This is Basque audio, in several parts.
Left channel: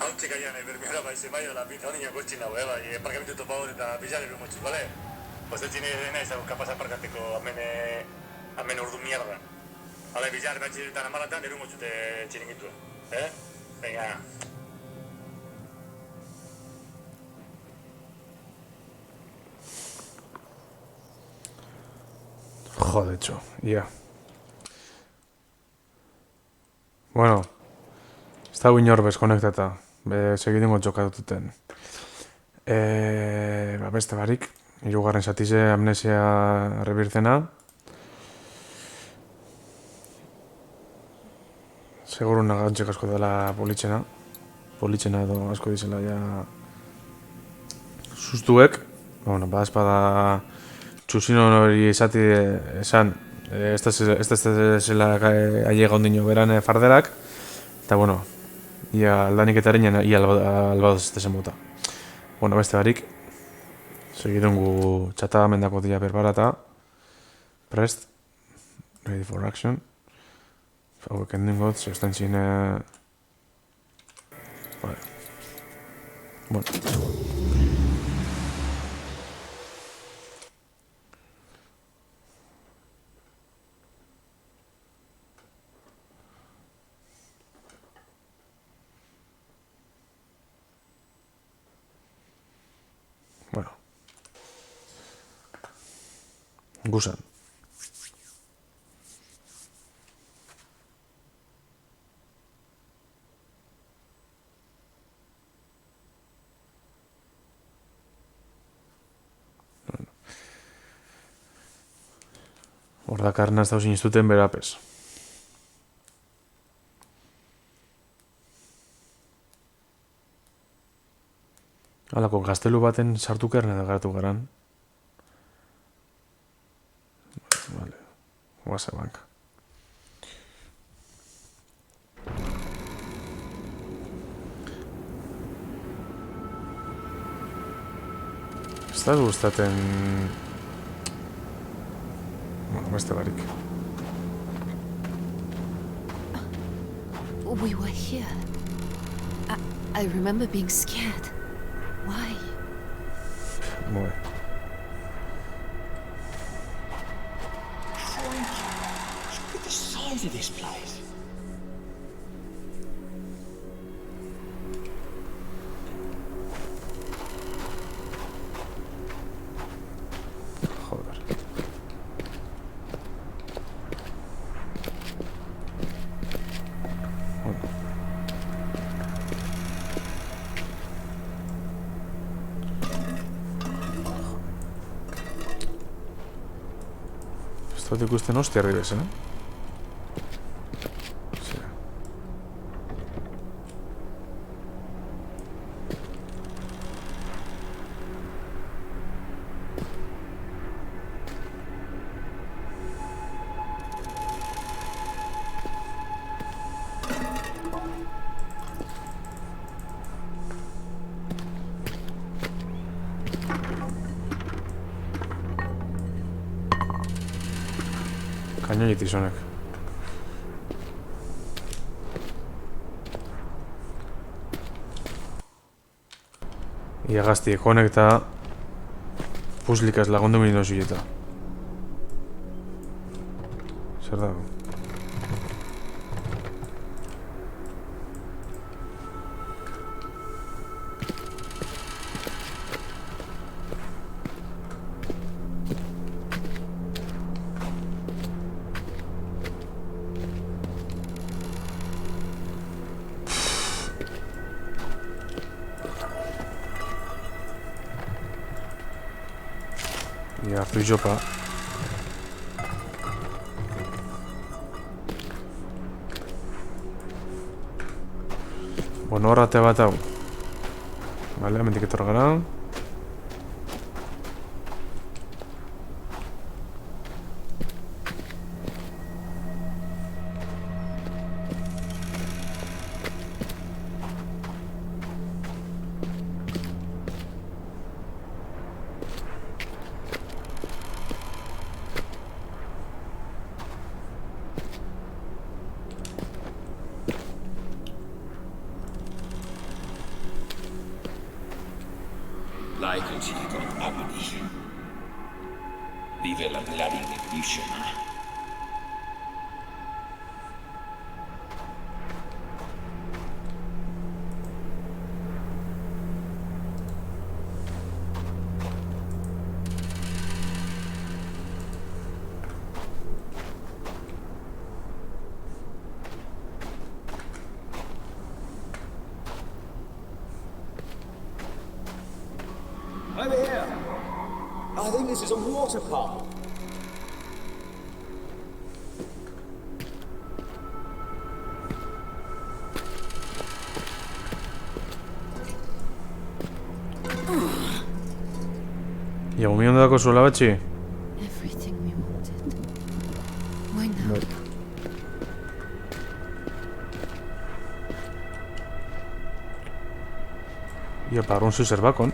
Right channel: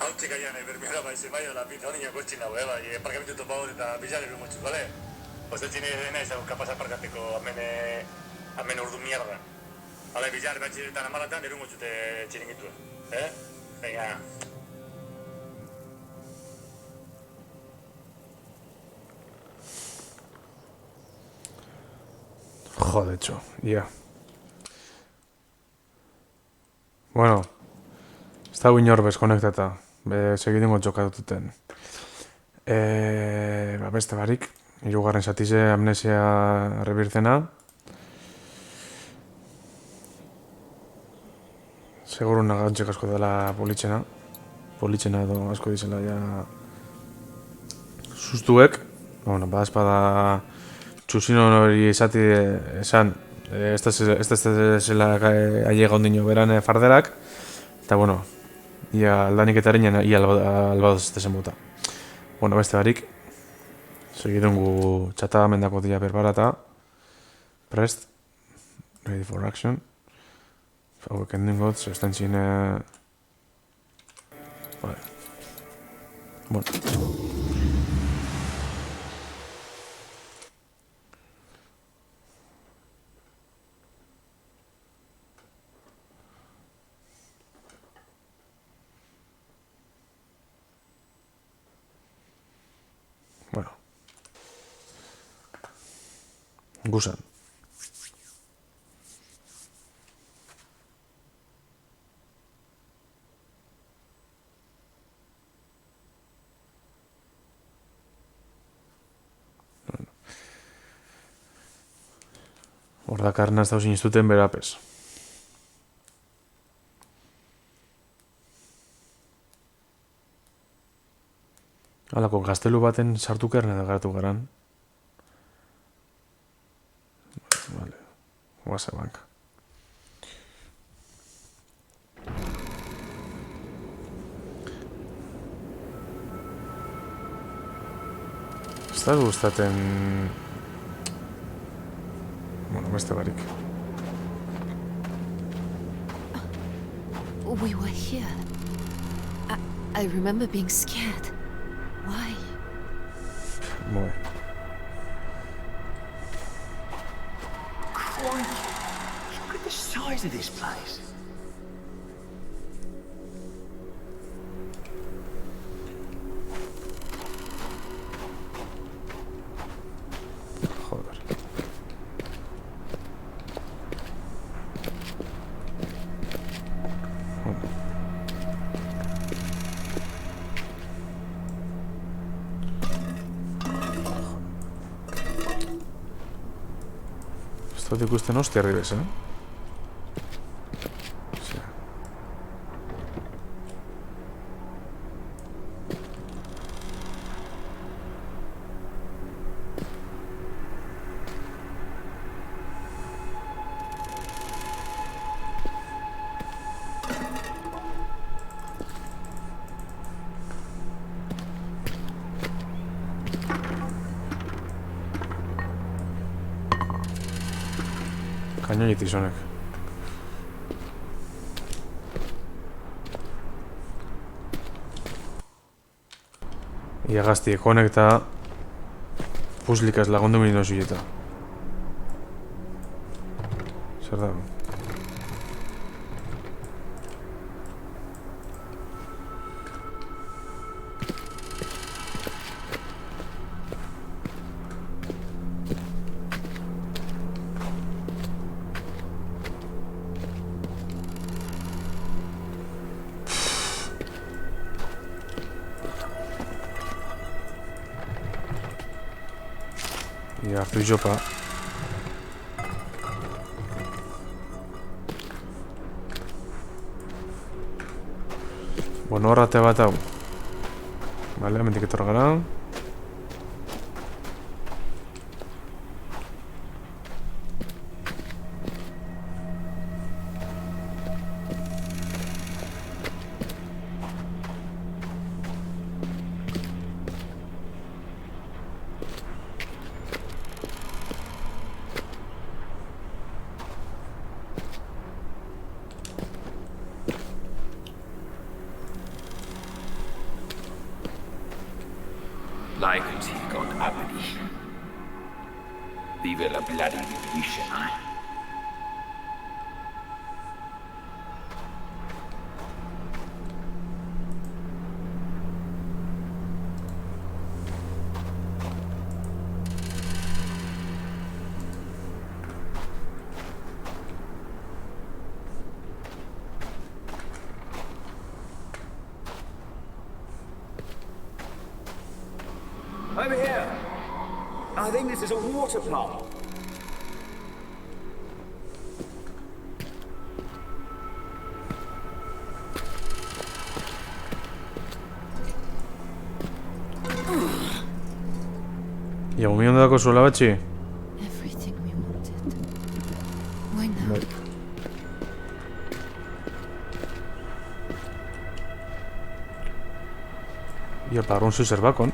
Hau txikaian, bermiora baize bai, la pizza honi jakotxin hau, bai, parkamentu topagot eta bizarero motxuz, bale? Ozeltzine dena izago kapaz aparkateko amen ordu mierda. Hala, bizar batxiretan amalatan, erungo txute txiringituen, Venga. Joder, txo, ia. Bueno, ez da inor bez konektata. Segidingo txokatuten. Beste barik, hirugarren satize amnesia rebirtzena. Seguro nagantxek asko dela politxena. Politxena edo asko dizela ja sustuek. Bueno, espada txusino hori esati esan este zela ailega ondino beran farderak. Eta bueno, ia aldaniketaren ia albadoz este zen bota. Bueno, beste barik, segidungu txatamendako dia berbarata. Prest, ready for action. Hauek endingot, zestan txine... Vale. Bueno. Bueno. Gusan. Hordakarna ez dauzin iztuten berapez. Halako gaztelu baten sartukerna da garatu garan. Vale. Guasa banka. Ez da gustaten... Bueno, beste barik. We were here. I remember being scared. Why? Muy. Crikey! Look at the size of this place. Joder. Bueno. Ez dut ikusten hostia arribez, Sí. Kainoitik zonek. Ia gazti konekta puslikaz lagundu mindu zuieta. Zer dago? Ia hartu izopa. Bueno, horrate bat hau. Vale, hemendik etorra gara. Laikensi con Abdi. Vive la bloody revolution, huh? Over here. I think this is a water pump. Ja gumi ondako zuela batxi? Everything we wanted. Why now? Ia, parun zu zerbakon.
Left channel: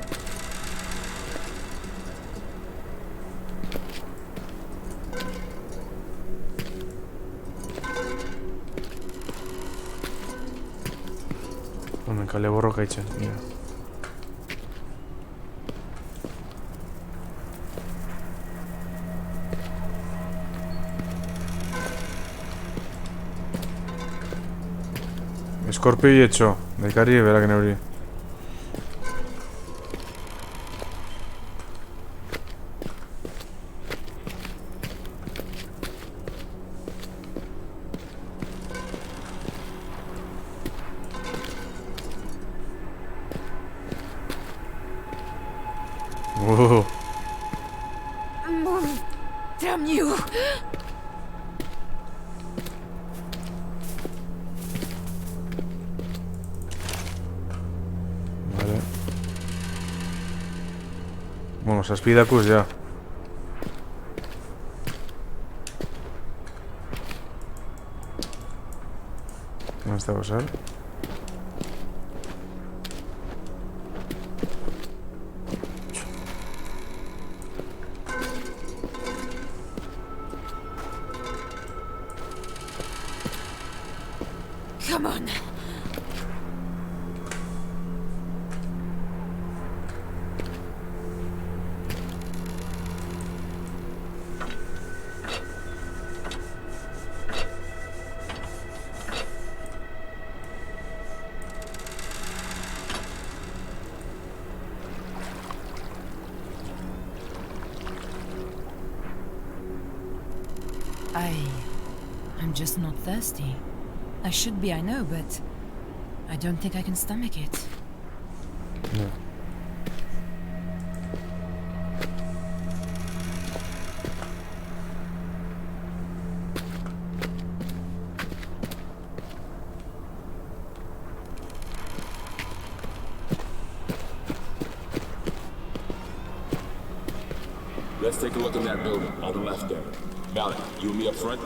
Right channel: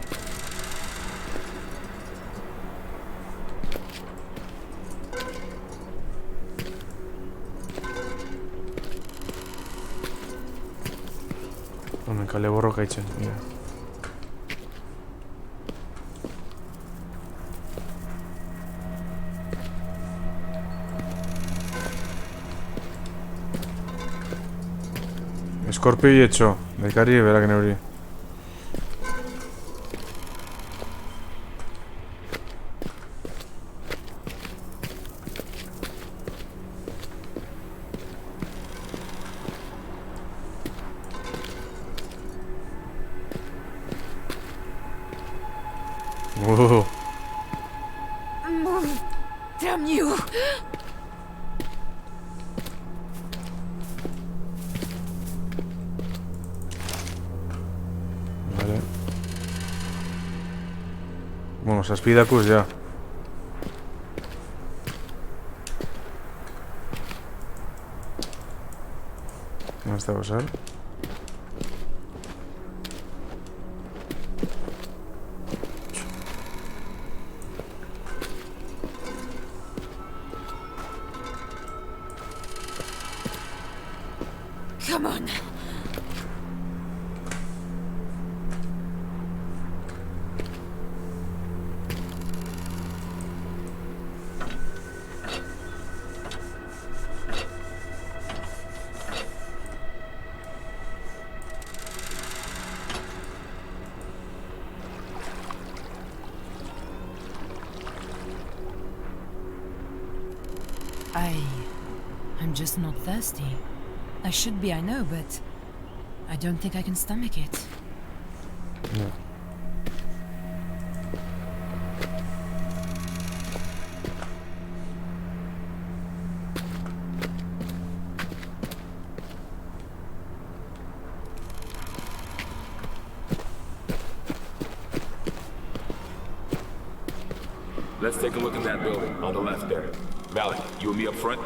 Hemen kale borroka itzen, mira. Eskorpio hietxo, daikari berak neuri. Move! Damn you! Vale. Bueno, zazpidakuz, ja. No está pasar. Come on! I'm just not thirsty. I should be, I know, but I don't think I can stomach it. No. Let's take a look in that building, on the left there. Valley, you and me up front?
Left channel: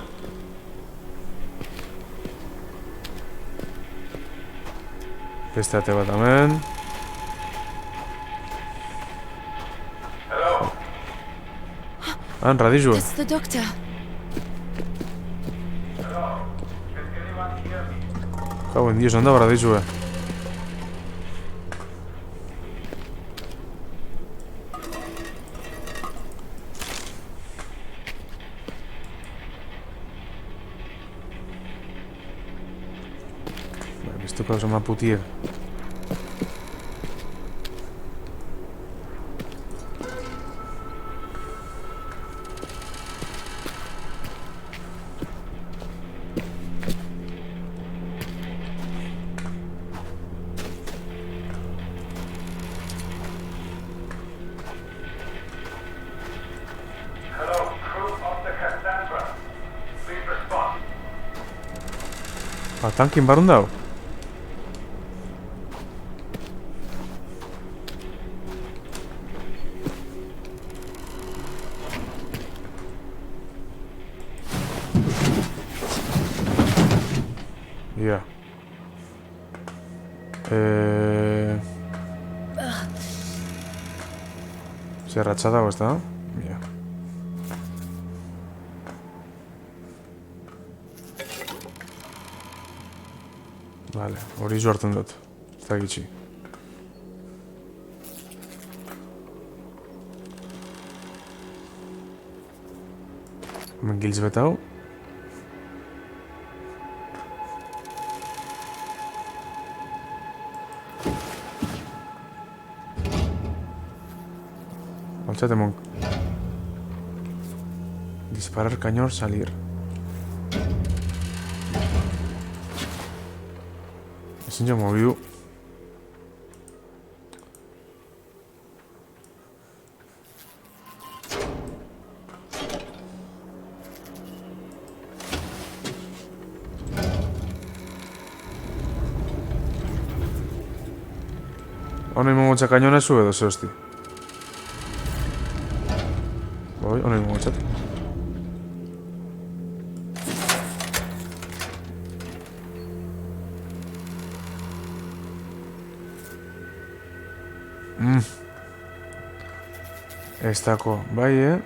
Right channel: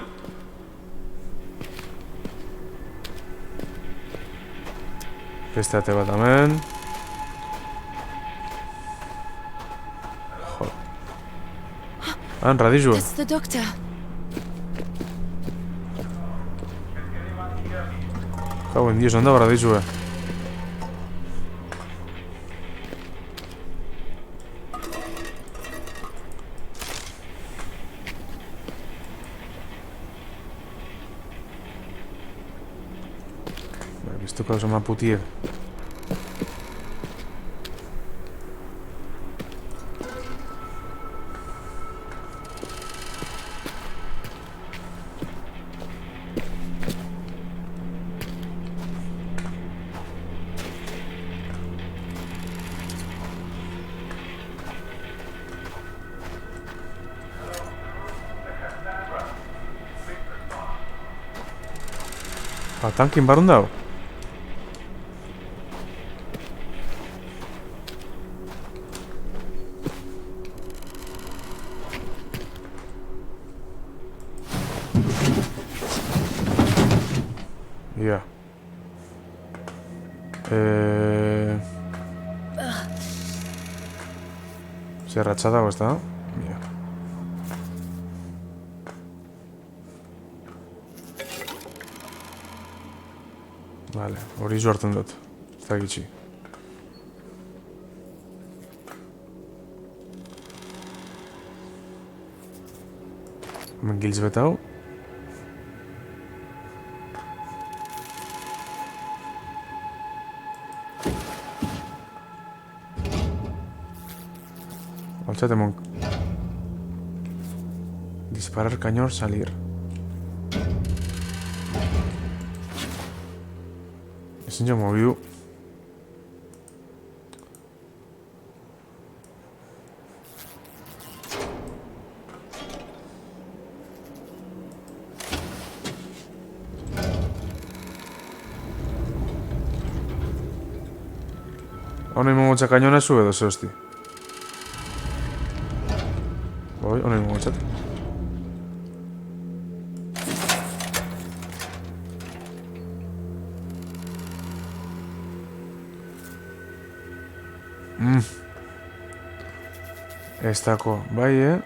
Beste ate bat hemen. Han, radizue. That's the doctor. Jau, en dios, anda, radizue. Esto causa una putier. Hello, crew of the Cassandra. Please respond. Tankin barun dau? Ja. Zer ratxa dago, ez da? Ja. Vale, hori zu hartzen dut. Ez da gitxi. Hemen giltz betau. Altzate disparar, cañón, salir. Ezin jo mobidu. Hona imongo cañona zu edo ze hosti. Oi, hona imongo txat. Ez dako, bai,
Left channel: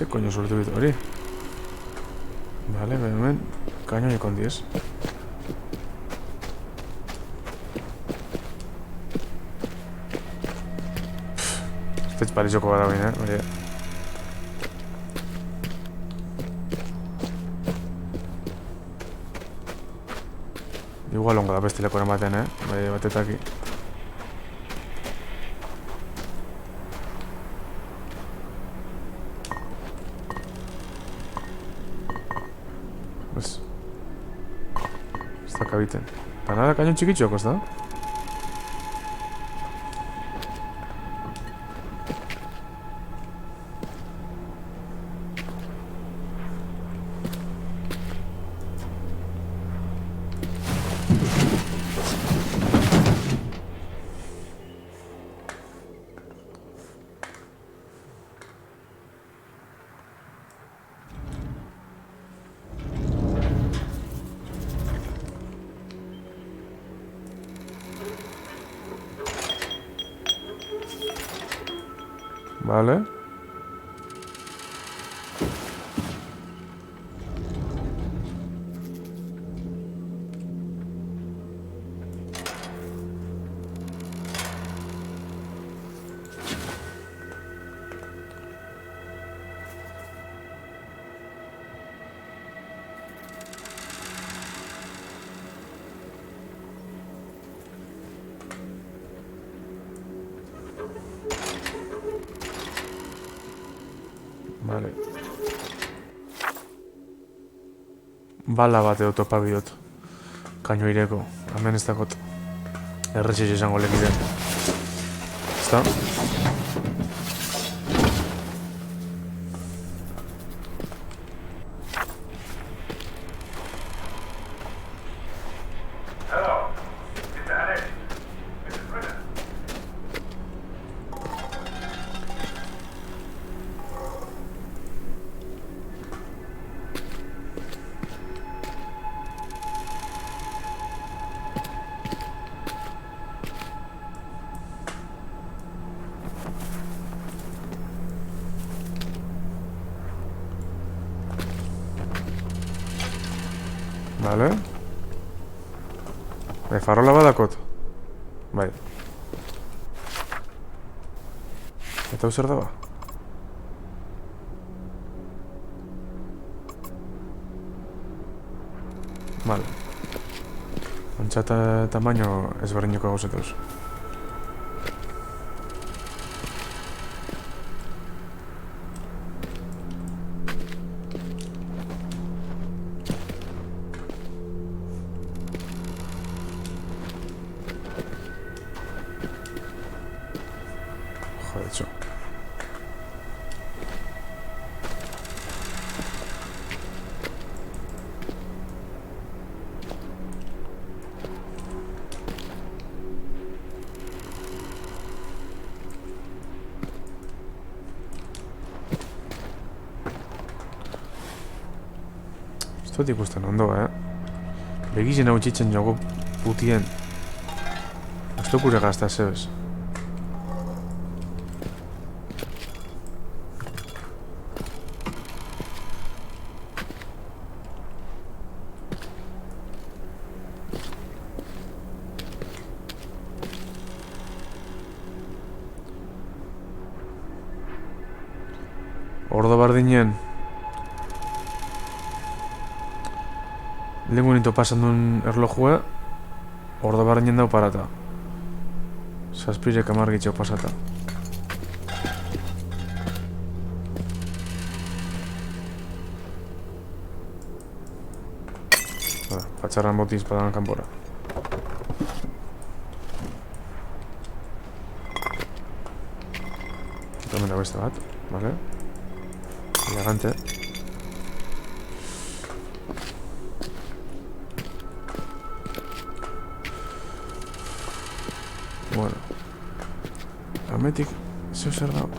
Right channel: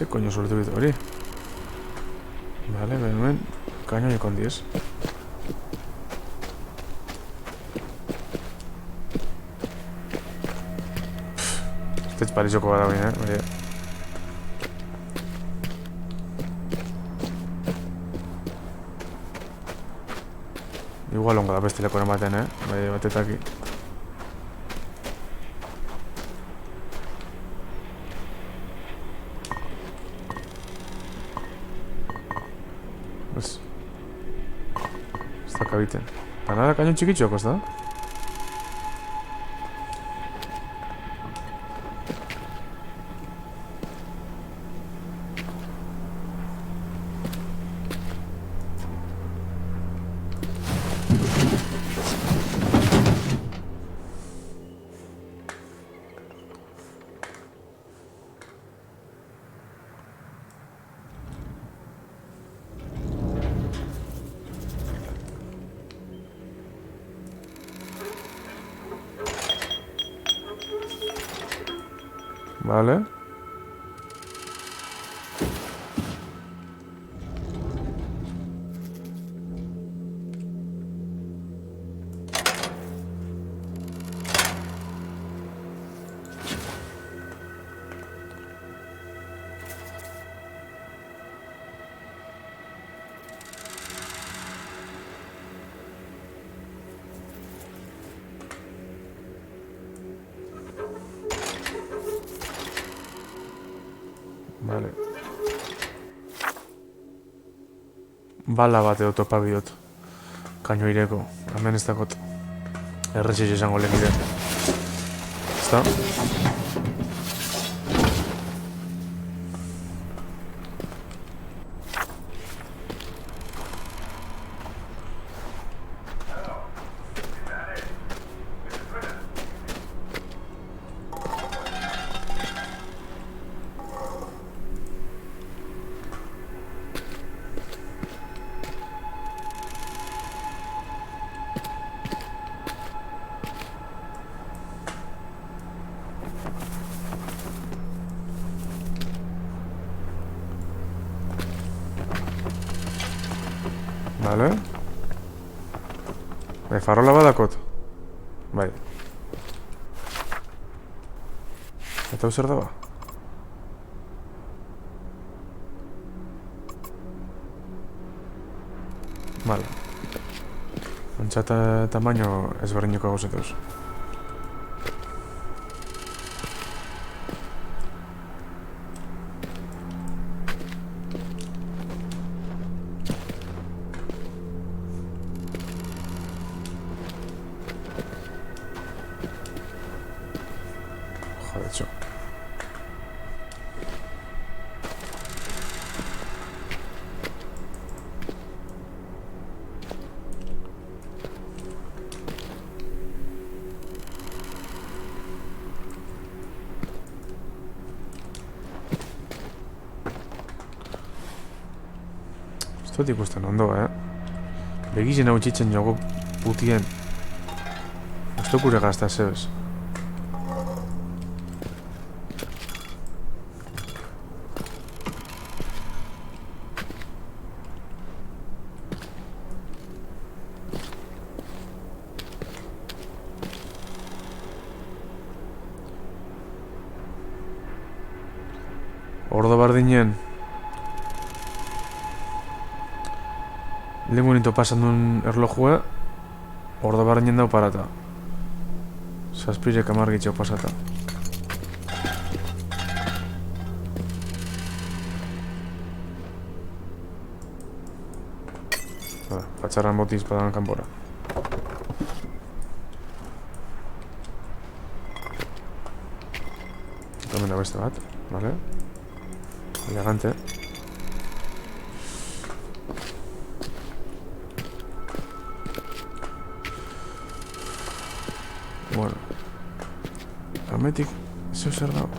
Ze koño sortu ditu hori? Vale, hemen, kañoi kondiez. Ez parizoko bada baina, bai. Igual ongo da bestileko ematen, bai, batetaki. Ez da kabiten. Eta nada, kañon txikitxoko, ez da? Vale. Vale. Bala bat edo topa bihot. Kaino ireko. Hemen ez dakot. Erretxez esango lekide. Ezta? Vale. Farola badakot. Bai. Eta hau zer daba? Vale. Antxata tamaino ezberdineko gauzetuz. Jodetxo. Ez dut ikusten ondo, Begizen hau txitzen jogo putien. Ez dut gure gazta zebez. Ordo bardinen lehen bonito pasan duen erlojua ordo bardinen dau parata. Zazpirek amargitxo pasata. Patxarran botiz padan kanpora. Hemen da beste bat, vale? Elegante. Bueno. Ametik, zeu zer dago?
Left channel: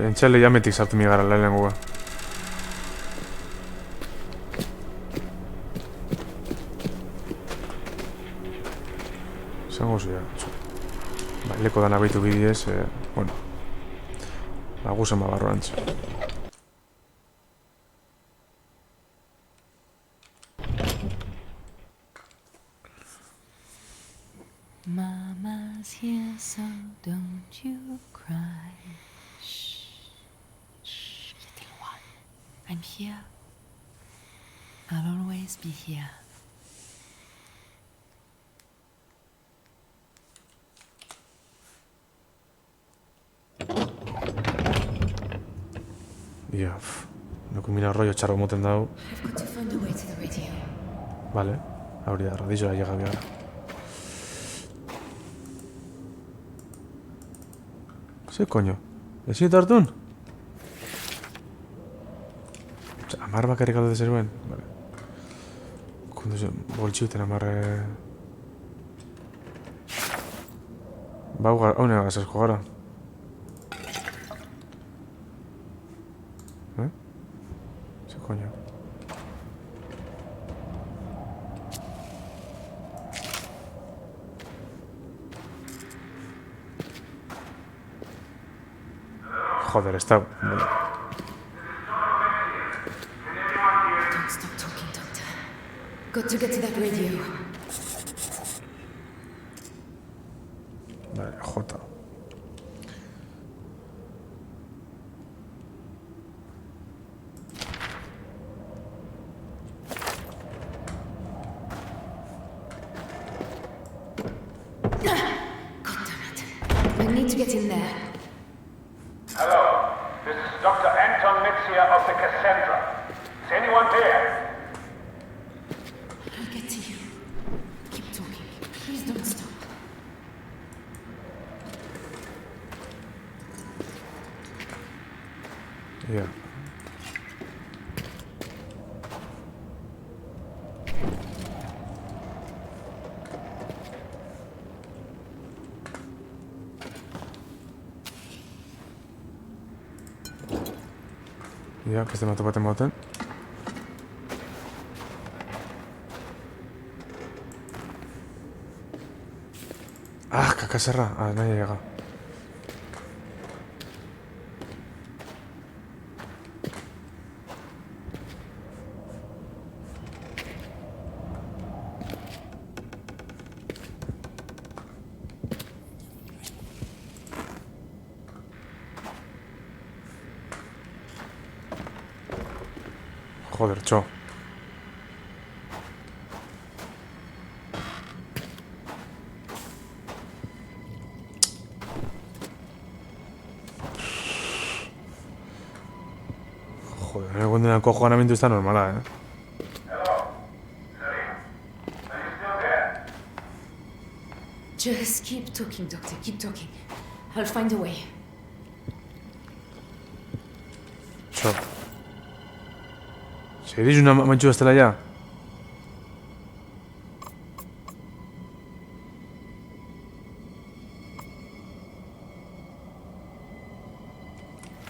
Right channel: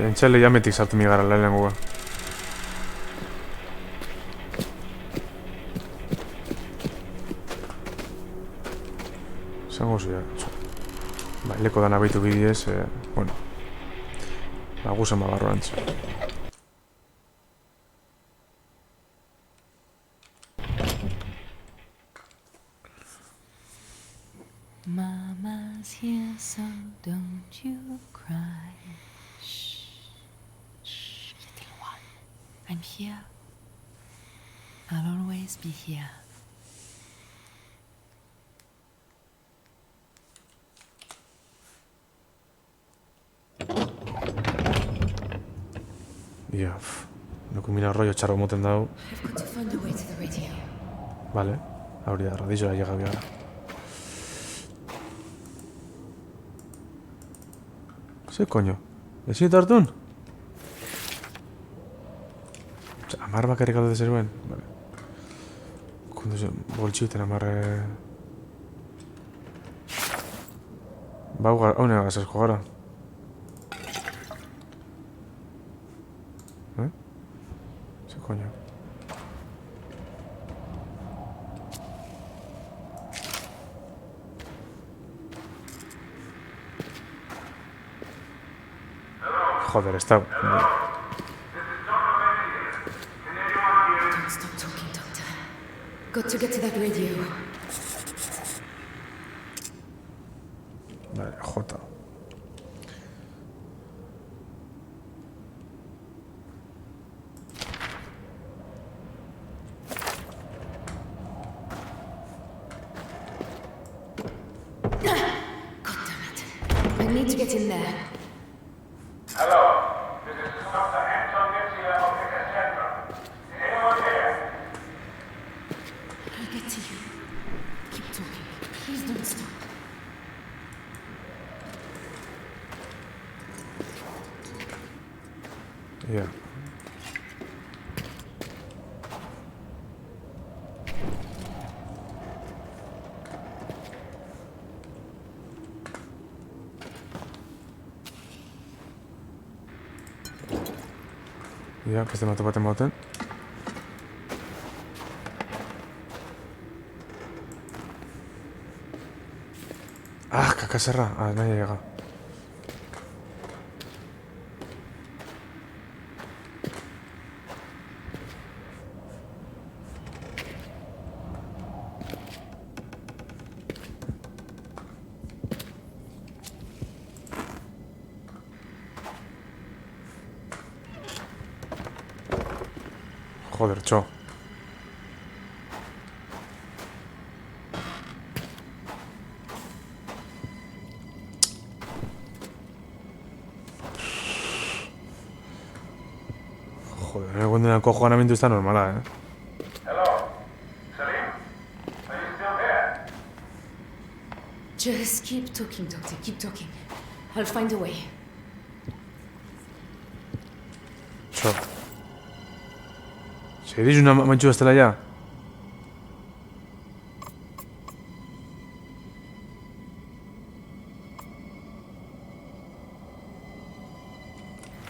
Entxale jametik sartu mi gara lehenengoa. Zango zua. Ba, leko dan abeitu bidez, bueno. Ba, guzen babarro antz. Mama's here, so don't you cry. Little one, I'm here. I'll always be here. Ia, nuku mina rollo txarro moten dau. I've got to find a way to the radio. Vale, hori da, radizora llega biara. Ze koño? Ezin eta hartun? Amar bakarrik alde zeruen? Vale. Konduzio, boltxiuten amarre... Ba, hau negaz esko gara. Ze koño? Joder, está... Don't stop talking, Doctor. Got to get to that radio. Vale, J. God damn it. I need to get in there. Hello, this is Dr. Anton Metzia of the Cassandra. Is anyone there? I'll get to you. Keep talking. Please don't stop. Ja. Ja, beste matu baten bauten. Ah, kakazerra. Ah, nahi llega. Joder, txo. Joder, egon dena kojoanamentu ez da normala, Hello, Salim? Are you still there? Just keep talking, Doctor. Keep talking. I'll find a way. Txo. Seriz una mantxu estela ya?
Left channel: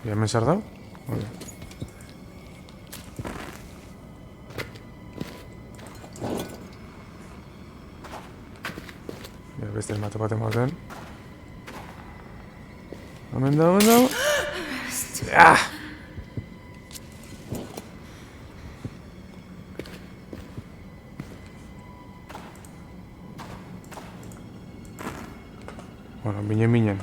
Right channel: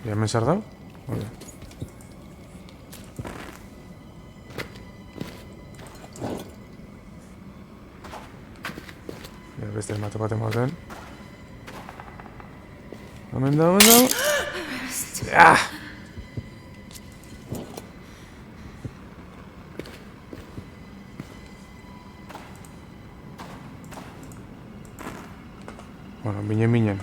Ya me has sardau? Vale. Ya beste matu baten baten. Omen da. Ah! Bueno, minen.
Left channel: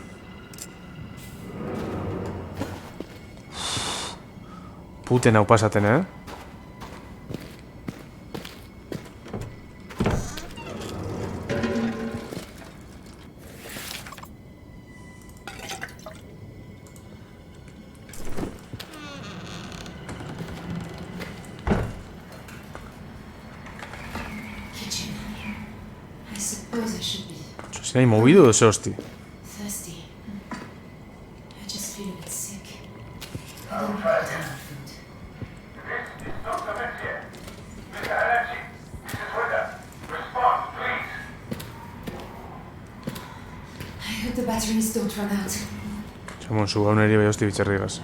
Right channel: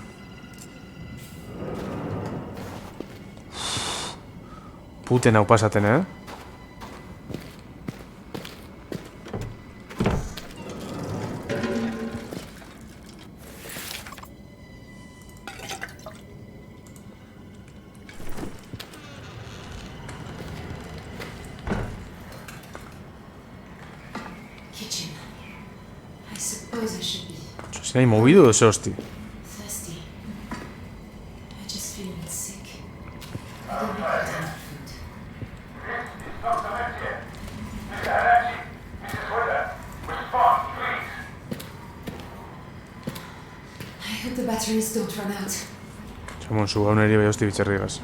Puten hau pasaten, Kitchen. I suppose I should be ¿Se ha movido o se hosti? thirsty. I just feel a bit sick. I don't think I've had food. Dr. Metzia. Mr. Harachi. Mrs. Wheeler. Respond, please. I hope the batteries don't run out. Txamon, zu gauneri bai hosti bitxerrigaz.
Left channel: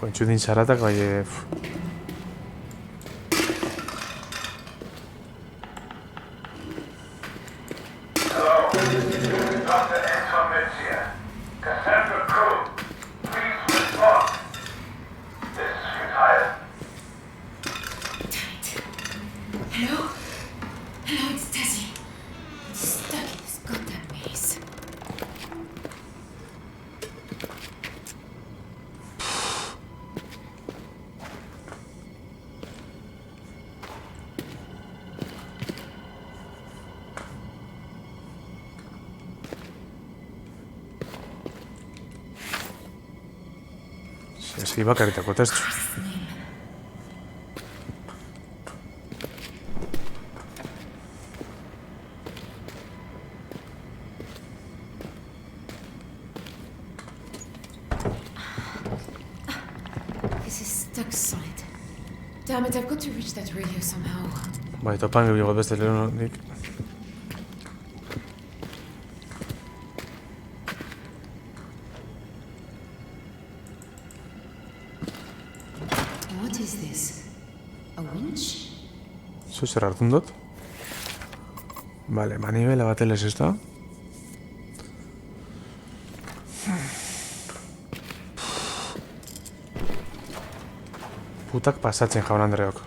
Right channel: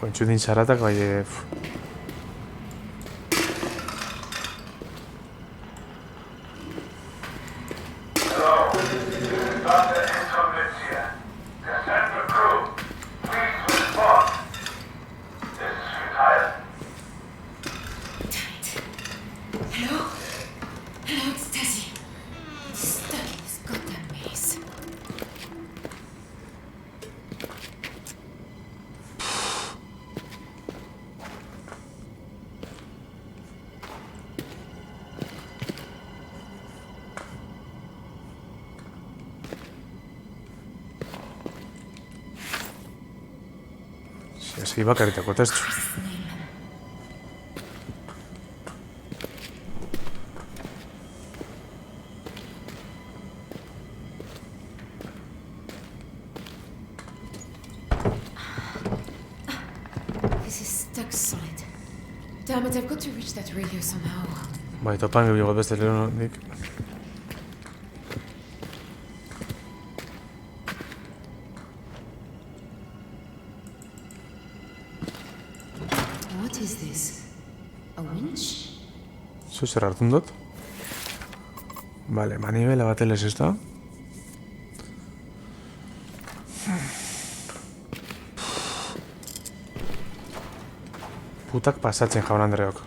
Jo, entzudin zaratak bai... Dr. Anton Metzia. Cassandra crew. Please respond. This is retired. Hello? Hello, it's Tessie. I'm stuck in this goddamn maze. Esi bakarritako testu. His name. This is stuck solid. Damn it, I've got to reach that radio somehow. Bai, topan gehiago beste lehenik. What is this? A winch? Zu zer hartun dut? Vale, manibela batelez ez da. Putak pasatzen jaun Andreok.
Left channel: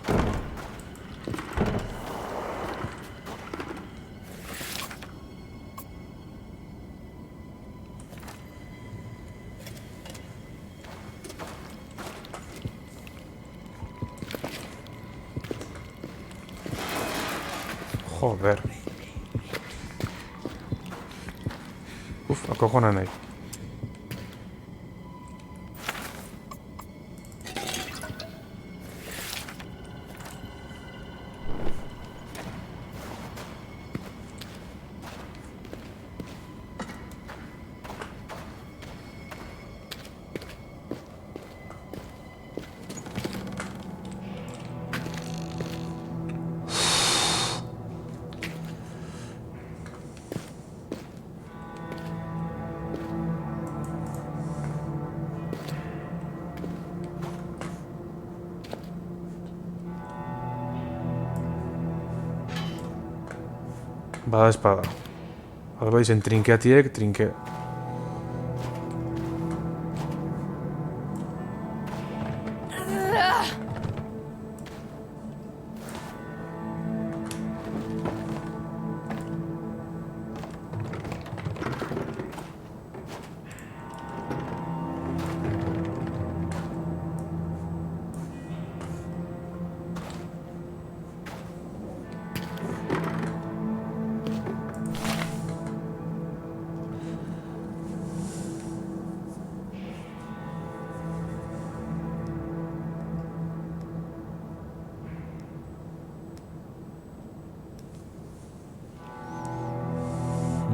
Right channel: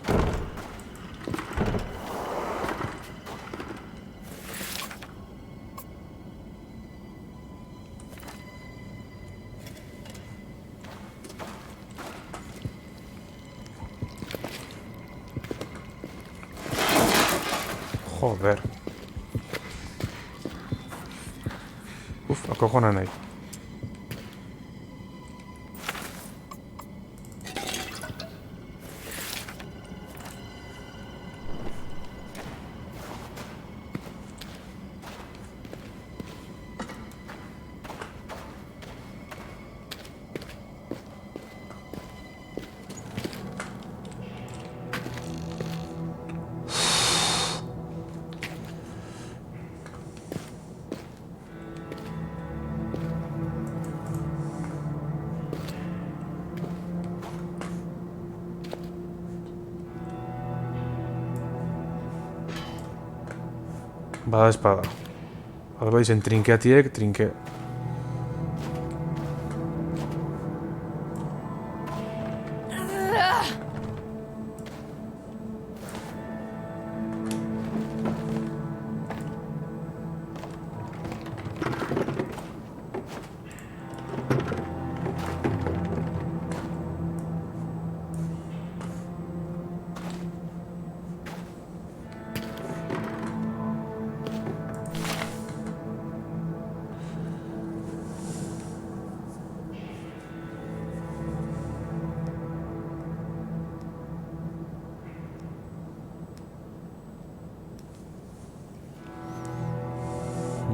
Joder. Uf, akojona nahi. Bada espada. Alba izen trinkeatiek, trinke.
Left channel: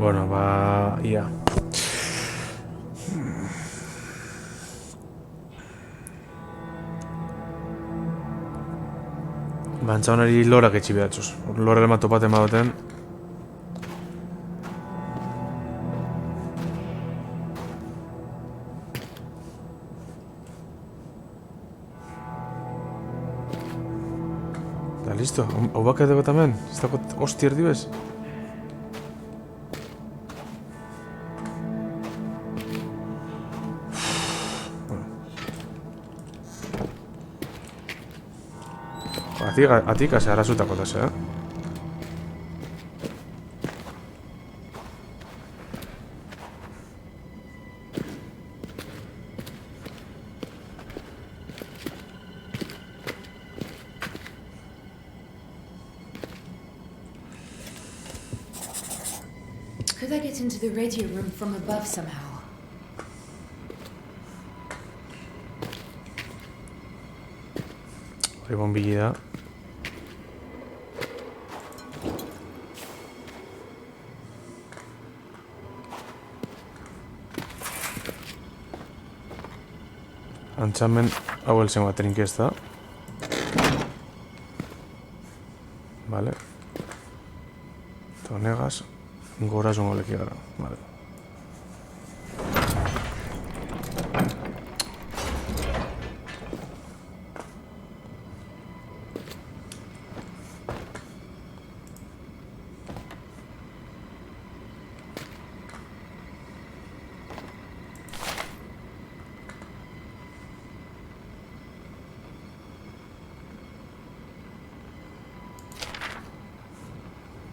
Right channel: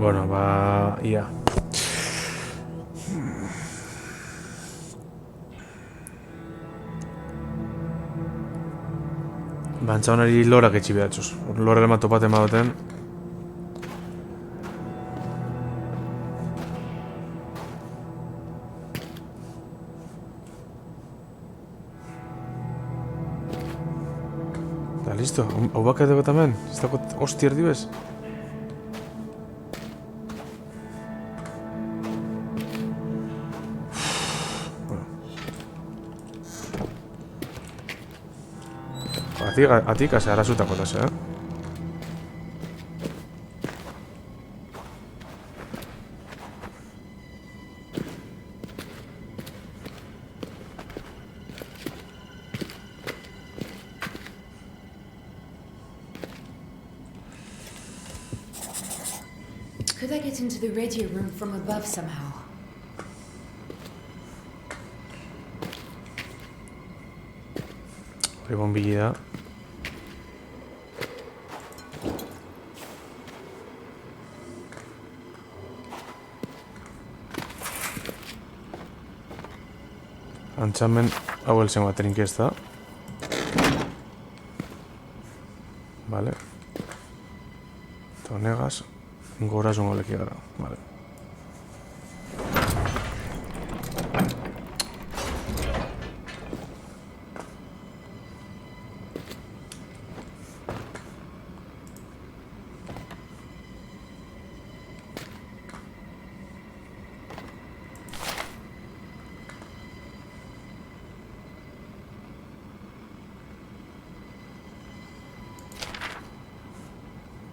Bueno, ba... ia. Bantza honari lorak etxi behatxuz. Lorel ma topaten badoten. Da, listo. Hau bakateko tamen? Ez dako hosti erdi bez? Atik ase arazutako tase, Could I get into the radio room from above somehow? Hori bombili da. Antxamen hau elzen bat trinkesta. Vale. Eta honegaz, gora zungo leki gara. Vale.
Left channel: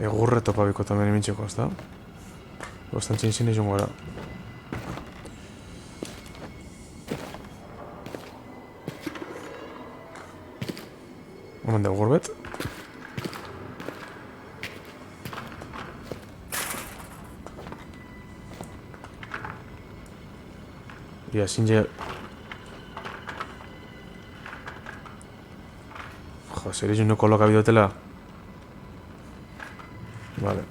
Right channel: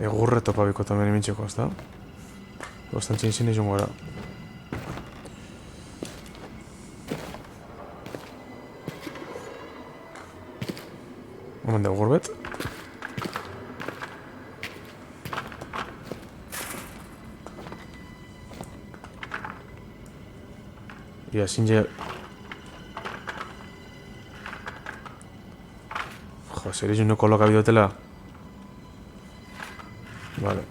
Egurre topabiko tamen imintxeko, ez da? Bostantxin zine izun gara. Omen da egurbet. Ia, zinje... Jo, zer izun no koloka bidotela. Vale.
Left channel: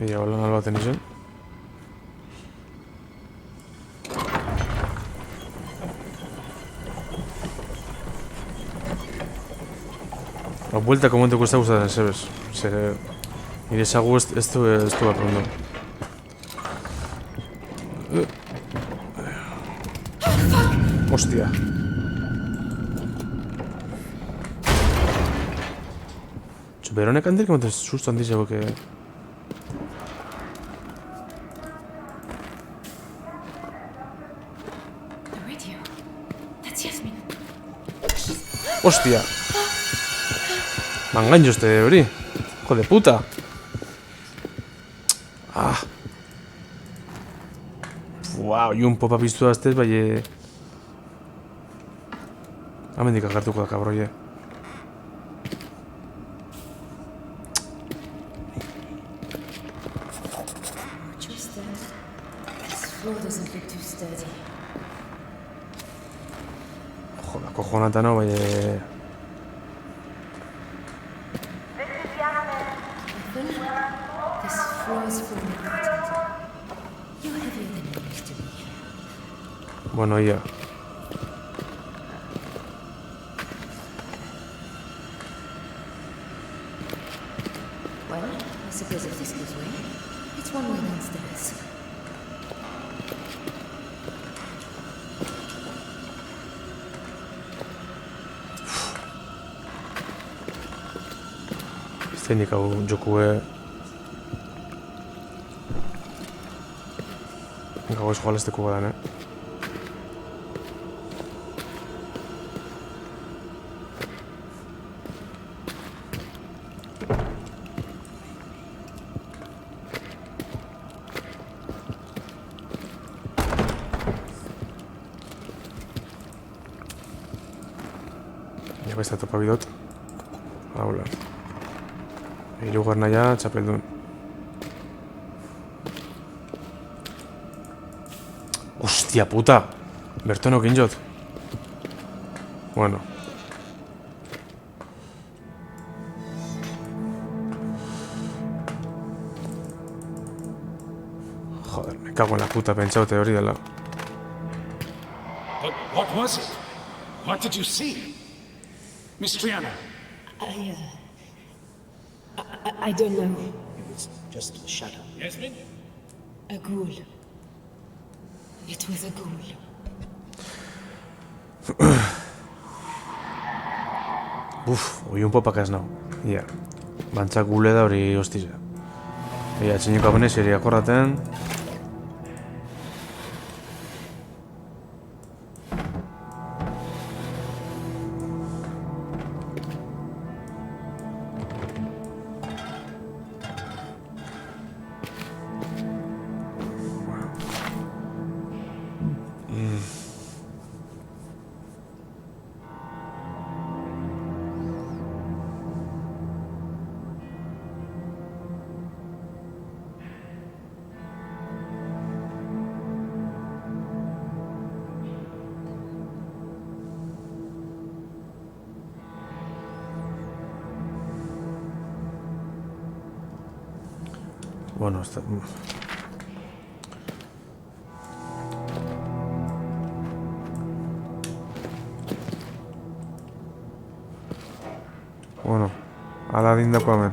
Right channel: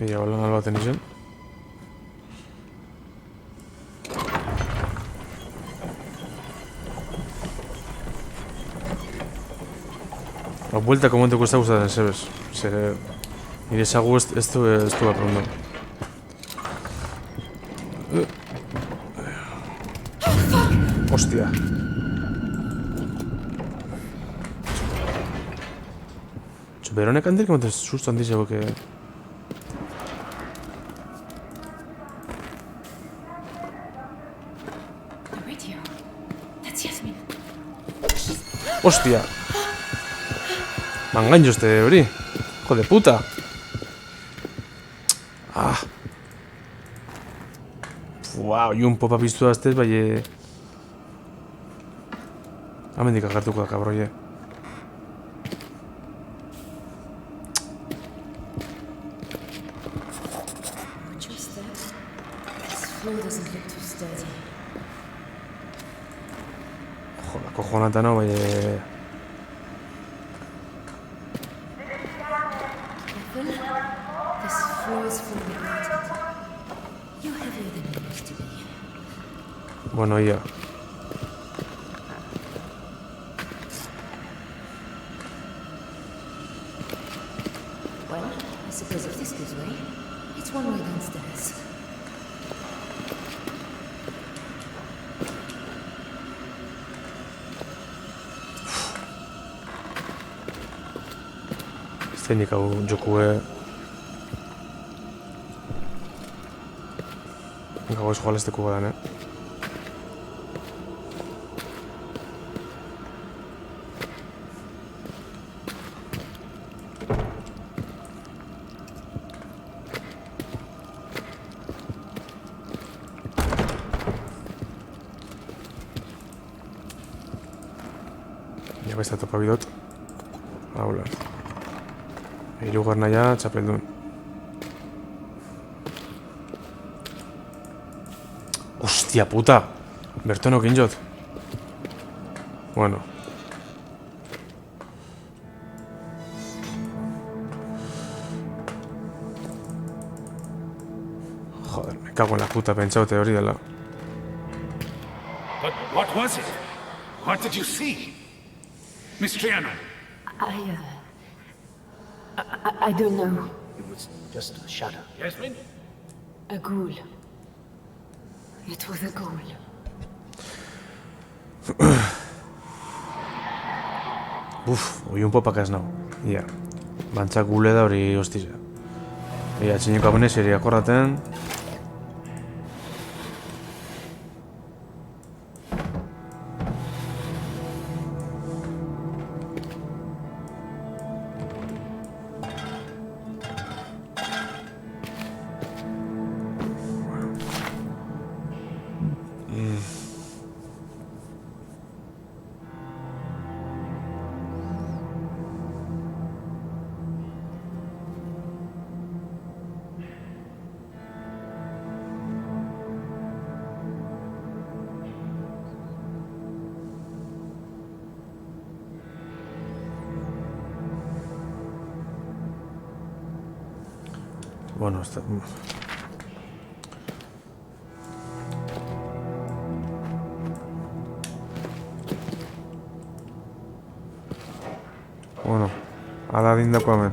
Ia, holan albaten izan. Buelta komentuko ez da gustatzen zebez. Zer... Nire esagu ez du bat rondo. Hostia. Beronek handik emoten susto handiz ego que... The radio. That's Yasmin. Hostia. Mangaño este hori. Hijo de puta. Ah. Wow, y un popa piztu aztez, bai... Hamendik agartuko da, kabroie. Just that. This floor doesn't look too sturdy. Joda, cojonata no, bai... Ethel, this floor is falling apart. You're heavier than you used to be. Bueno, ya. Well, I suppose if this gives way, it's one way downstairs. Zeinik hau jokue... Gau ez joalesteko badan, Ja besta topa bidot. Haula. Hirugarna ja, txapeldun. Hostia puta. Bertono kinjot. Bueno. Joder, me cago en la puta, pentsaute hori dela. But what was it? What did you see? Miss Triana. I don't know. It was just a shadow. Yasmin? A ghoul. It was a ghoul. Oi un popak ez nau. Ia. Bantzak gule da hori hostiza. Ia, txineko abone seria korraten. Bueno, está... Bueno, Aladin dako hemen.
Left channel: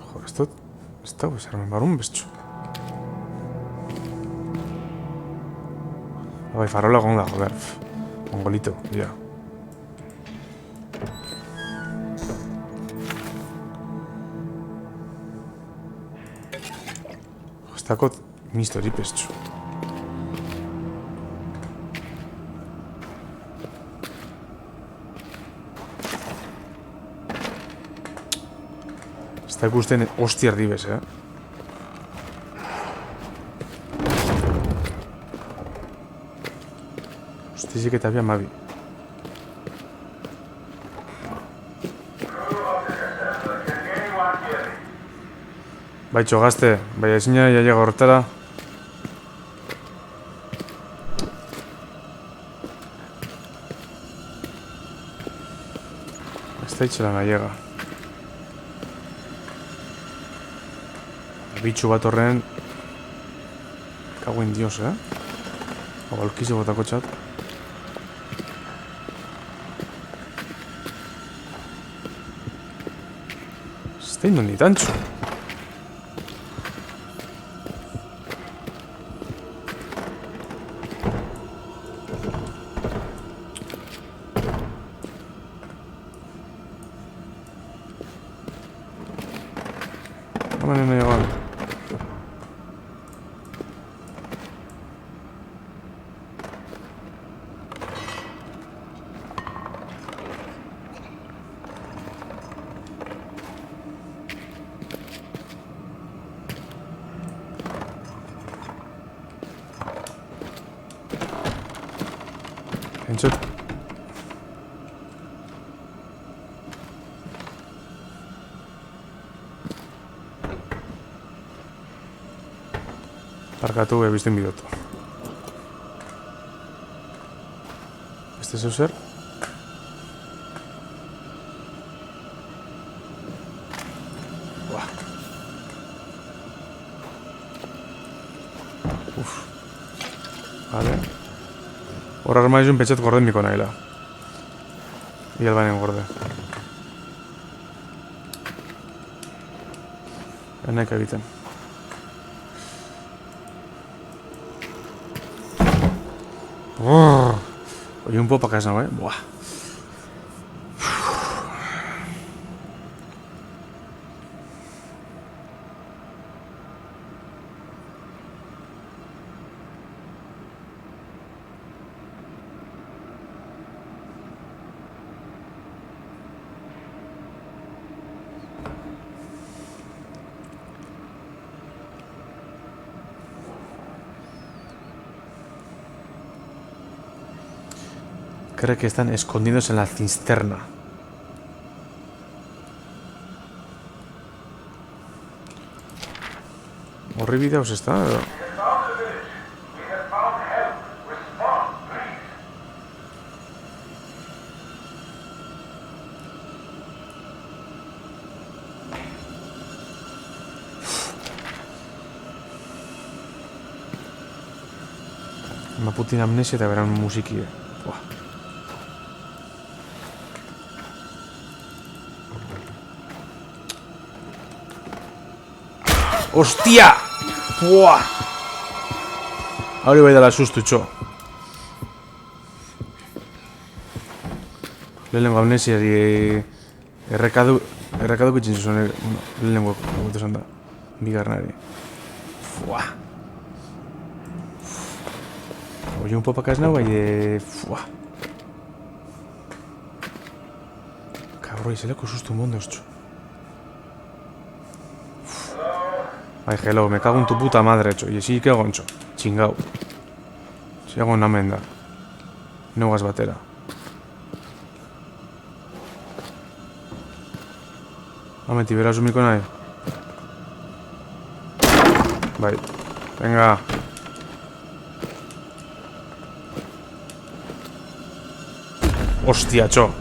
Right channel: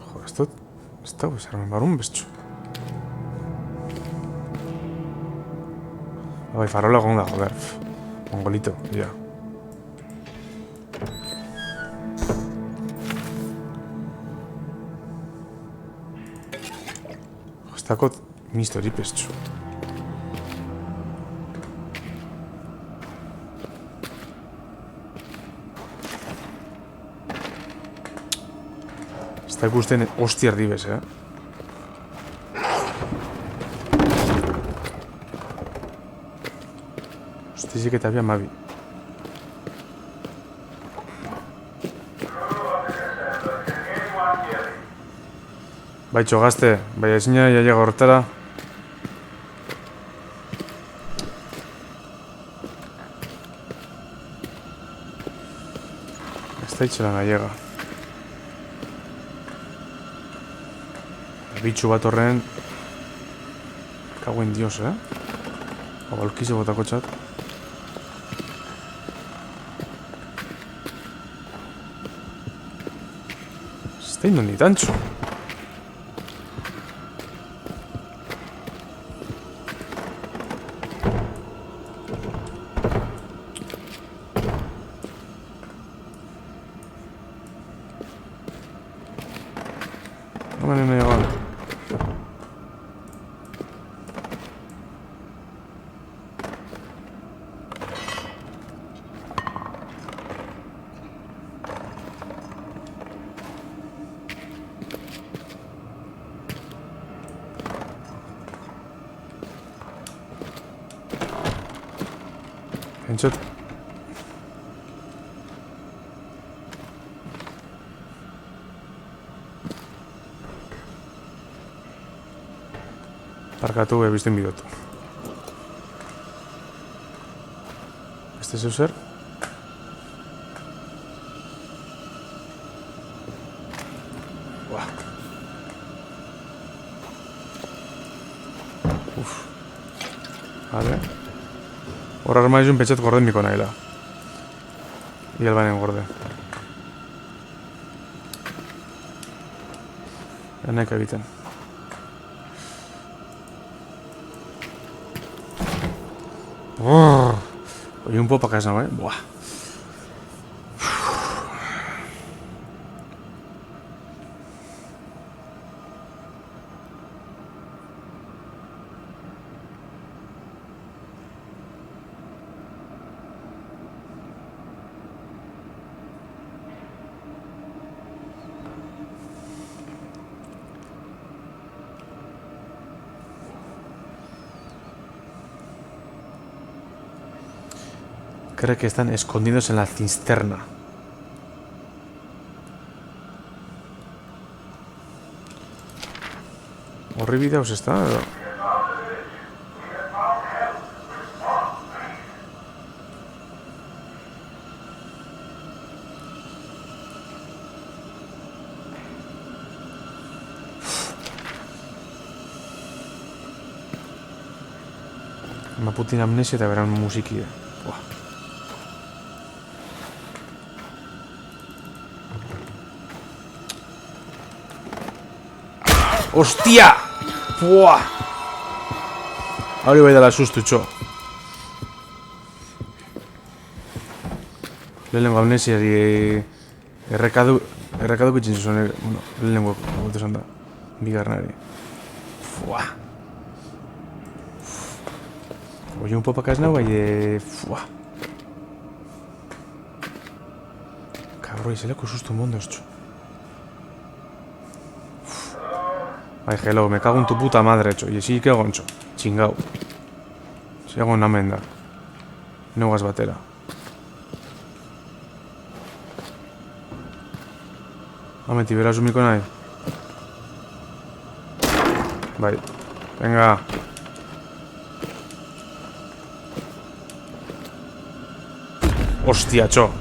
Joder, esto... Está pues armen barun bestxo. Bai, farola egon da, joder. Mongolito, ja. Ez dakot mistori pestxu. Ez da ikusten hosti erdibez, Hostizik eta bian mabi. Baitxo gazte, bai ezina jaia gortara. Ez da itxelan aiega. Bitxu bat horren... Kaguen dios, Hau alkize botako txat. Ez da indon ditantxo. Hemen egon. Entzut. Parkatu ebizten bidotu. Beste zeu zer? Buah. Vale. Hor armaizun petxet gorden miko nahila. Iel bainen gorde. Enek egiten. Oye, un poco para casa, Buah. cree que están escondidos en la cisterna. ¿Horribidaos está? Una putina amnesia te verán musiki. Buah. ¡Hostia! ¡Buah! Ahora iba a dar susto, txo. Lehenengo amnesiari errekadu kitxin zuen, bueno, lehenengo gote esan da. Bigarnari. Buah. Oye, un popakas nau, bai, buah. Cabrón, zeleko susto mondos, txo. Ay, hello, me cago en tu puta madre, txo. Y sí que goncho. Chingao. Si hago una menda. No gas batera. Ameti, verás un mico nahi. Bai. Venga. Hostia, txo.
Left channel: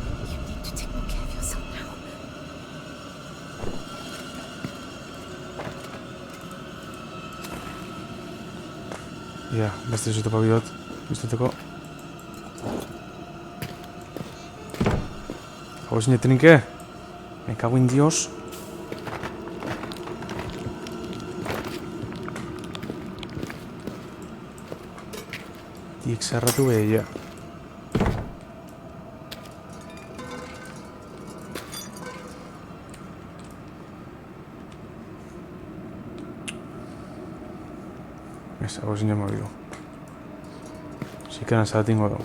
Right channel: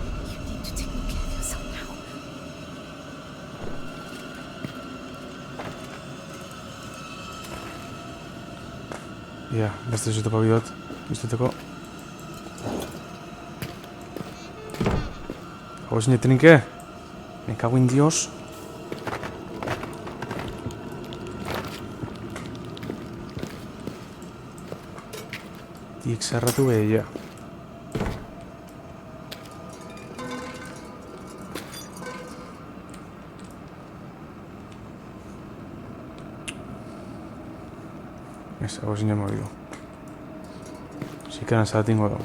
Ja, beste ez topa bidot, biztuteko. Hau ezin etrinke? Me cago en Dios. Tiek zarratu behia. Ez, hau ezin jama bidu. Zikeran zatingo dago.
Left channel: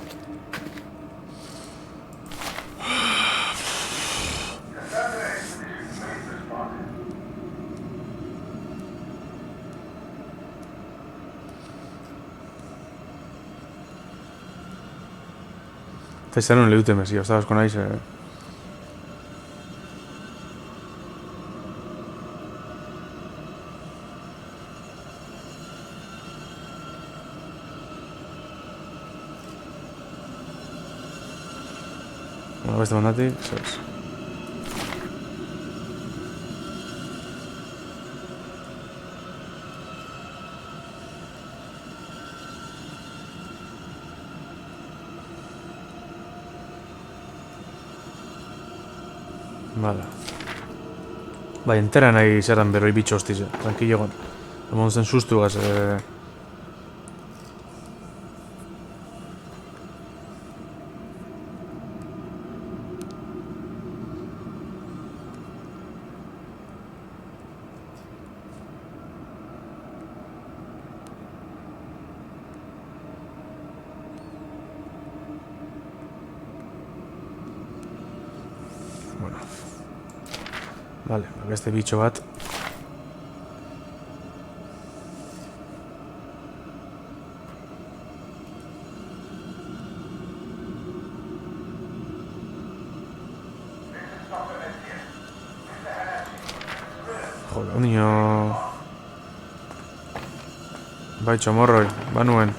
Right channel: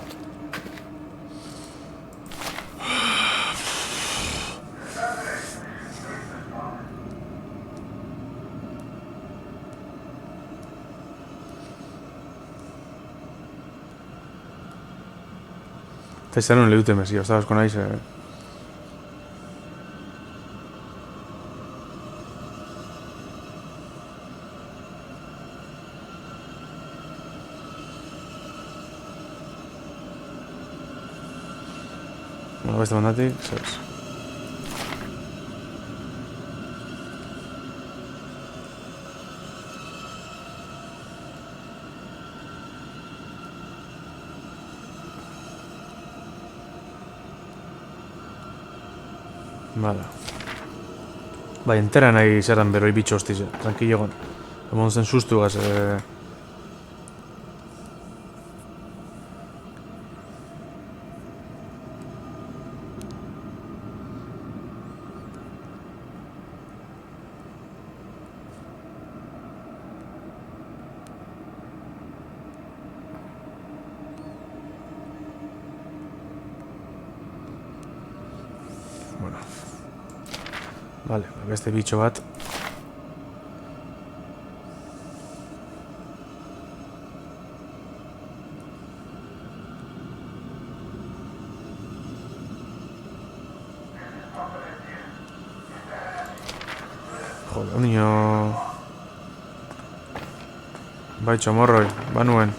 Eta izan honen lehute mezi, hasta asko naiz, Bueno, beste mandatik, zez. Vale. Bai, entera nahi zeran beroi bitxo hostize. Tranquilo egon. Emon zen sustu gaz, Bueno. Vale, beste bitxo bat. Jode, ondino... Bai, txomorroi, banuen.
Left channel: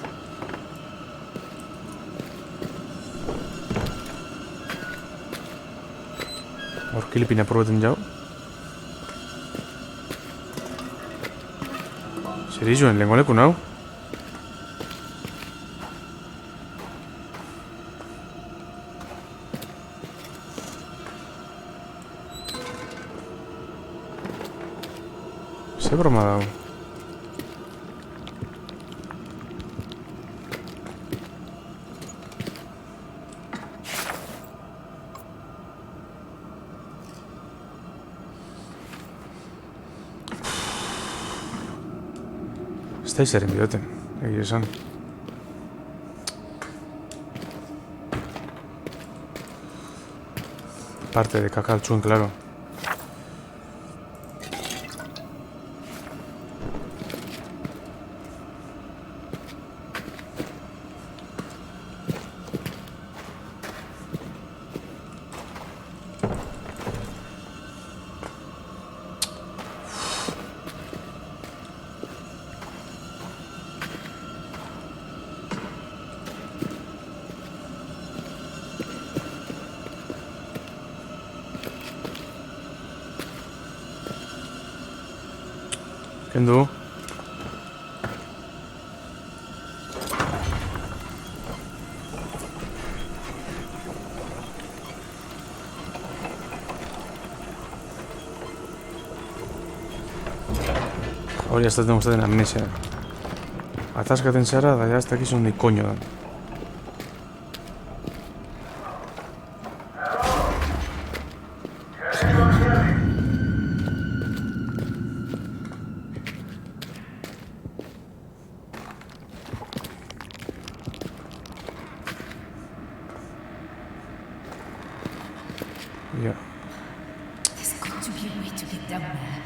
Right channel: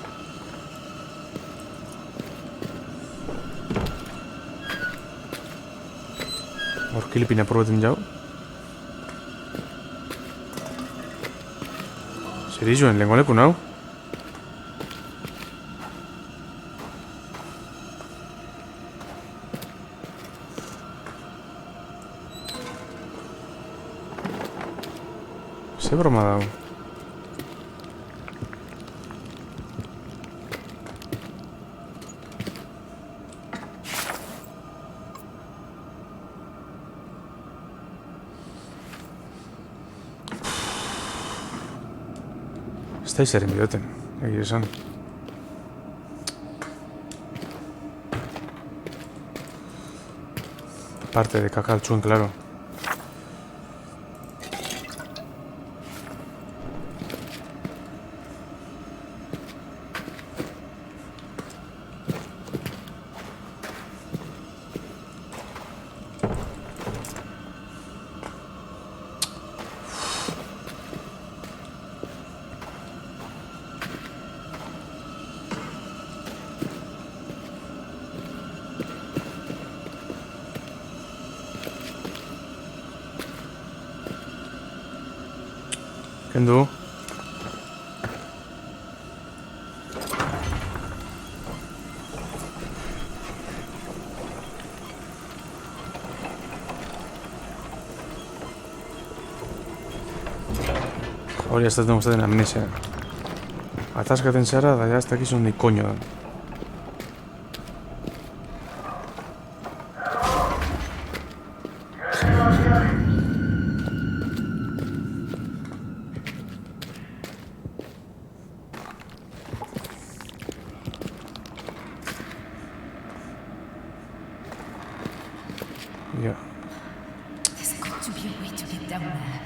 Kilipina probetan jau. Zer izuen, lehenko leku nau? Ze broma dau? Ez da izaren bidoten, egia esan. Parte de kaka altzuen, claro. Kendu. Hori ez dut gustatzen amnesia. Ataskaten zara, da ja ez dakizu ni koño dan. Ja. There's got to be a way to get down there.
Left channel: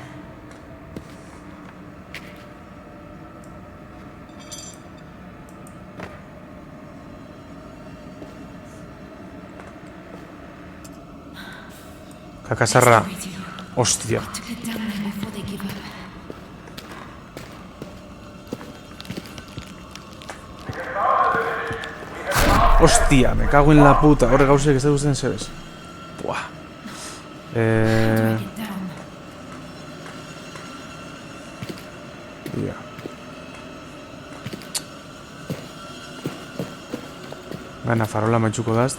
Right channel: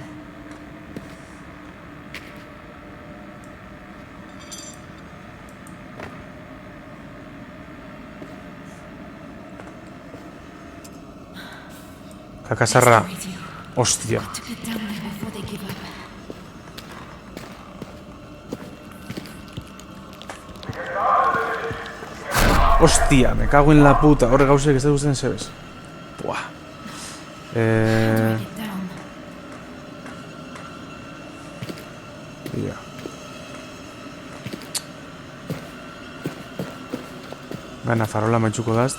Kakasarra. Radio. Hostia. Got to get down there before they give up. Hostia, me cago en la puta. Horre gauzek ez da guztien zebez. Buah. Get down. Ja. Gana farola maitxuko daz.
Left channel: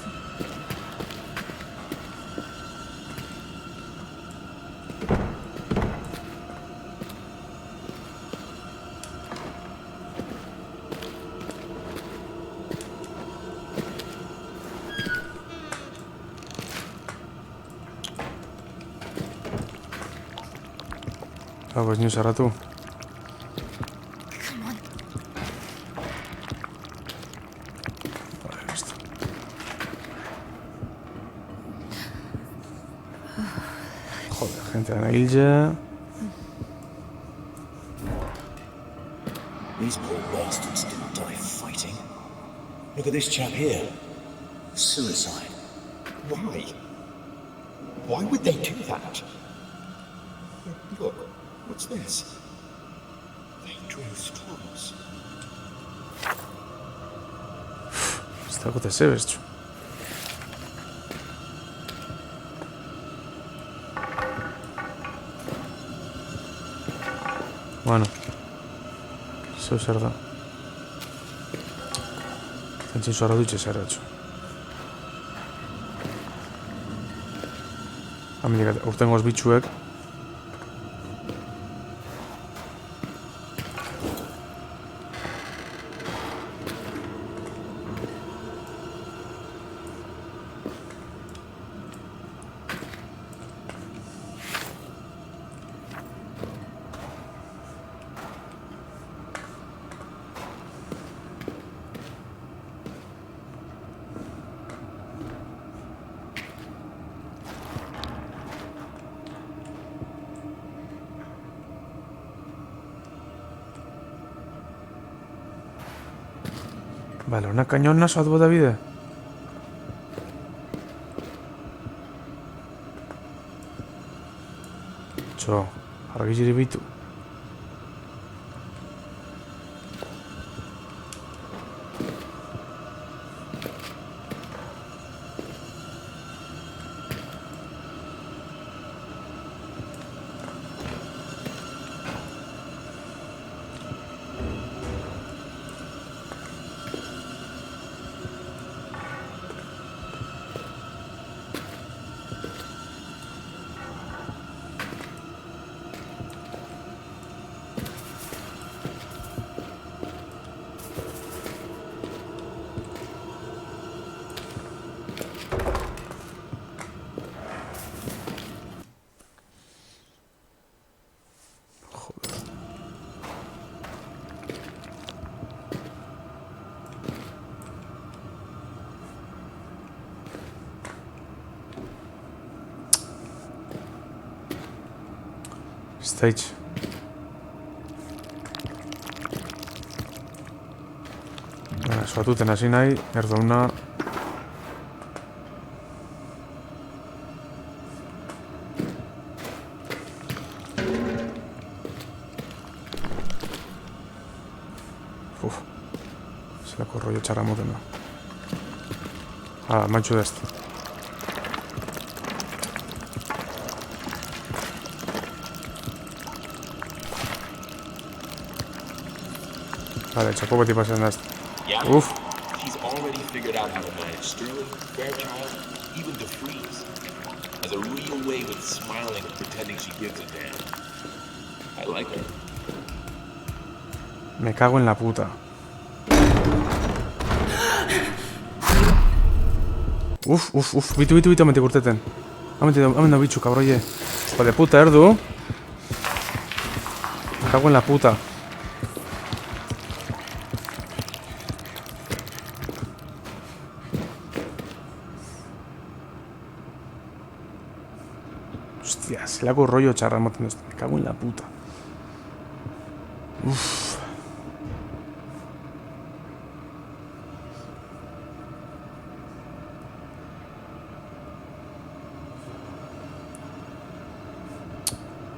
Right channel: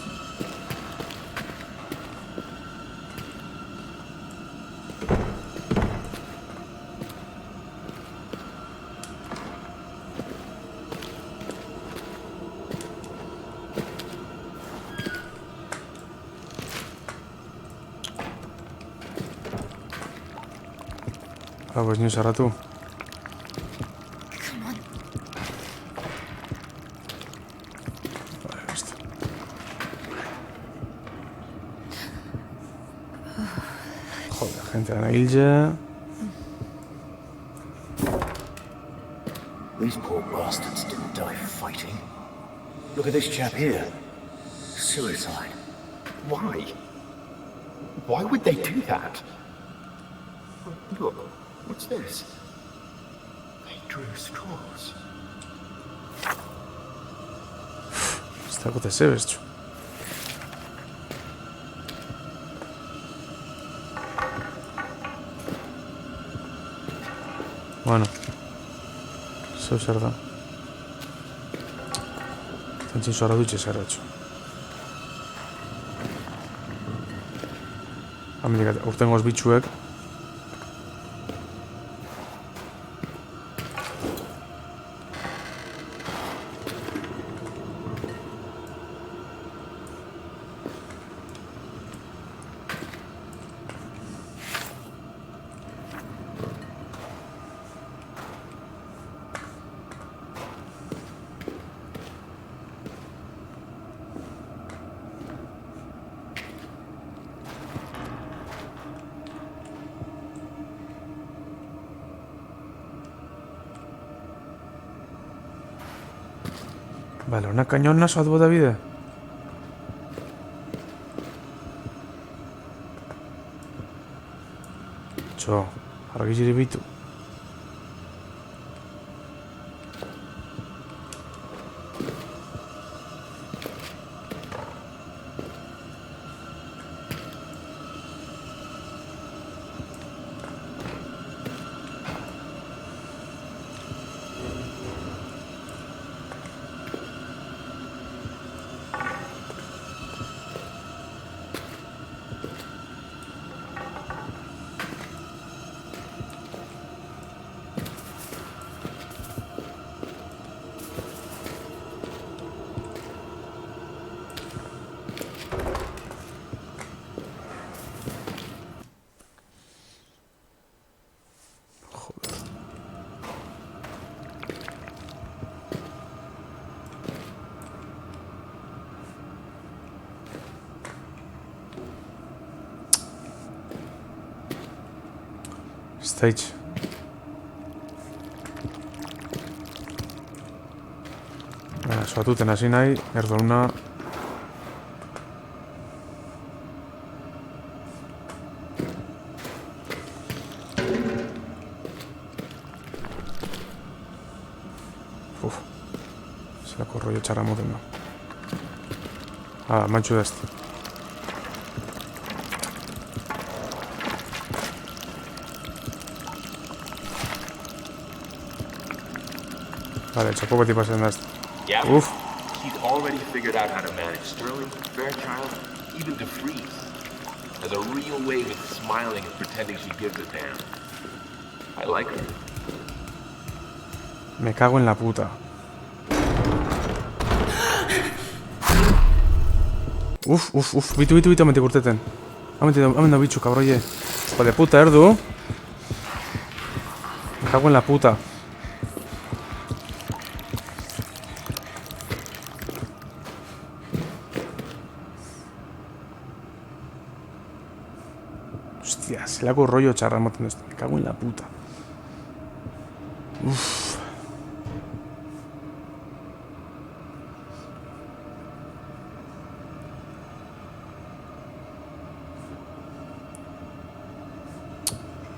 Pues ni sarratu. Come on. Vale, listo. Joder, gente de Hilja. These poor bastards didn't die fighting. Look at this chap here. Suicide. Why? Why would they do that? Look, what's this? They drew straws. Está gut ez zebez, txu. Bueno. Zeu zer da. Zantzin zoara dutxe zer da, txu. Hamendik urtengoz bitxuek. Vale, una cañona soat bota bide. Txo, argi bitu. Stage. Soatuten hasi nahi, erdauna. Zelako rollo txarra moten da. Mantxu dest. Vale, txapo beti pasen daz. Yeah? Uf. She's already figured out how to manage Sterling, Fairchild, even DeFreeze. Has a real way with smiling and pretending she gives a damn. I like her. Me cago en la puta. Uf, bitu, amentik urteten. Amen da bitxu, kabroie. Hijo de puta, erdu. Me cago en la puta. Hostia, zelako rollo txarra ematen dut. Me cago en la puta. Uf.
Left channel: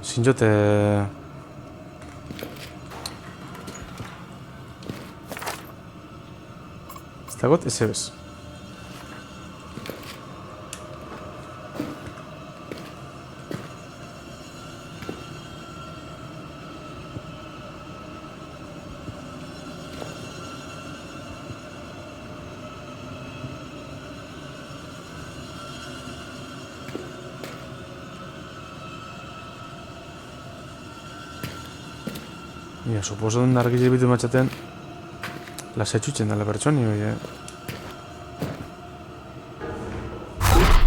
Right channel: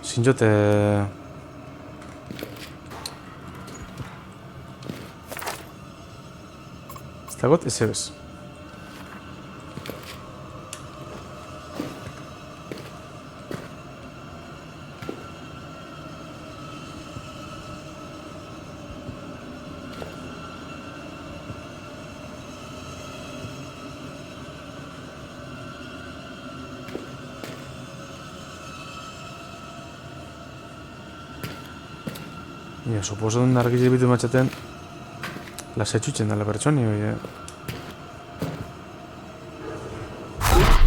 Zinjote... Ez dagot, ez ebez. Ia, suposo dut argiz bitu matxaten lasetxutzen dala pertsoni, oi,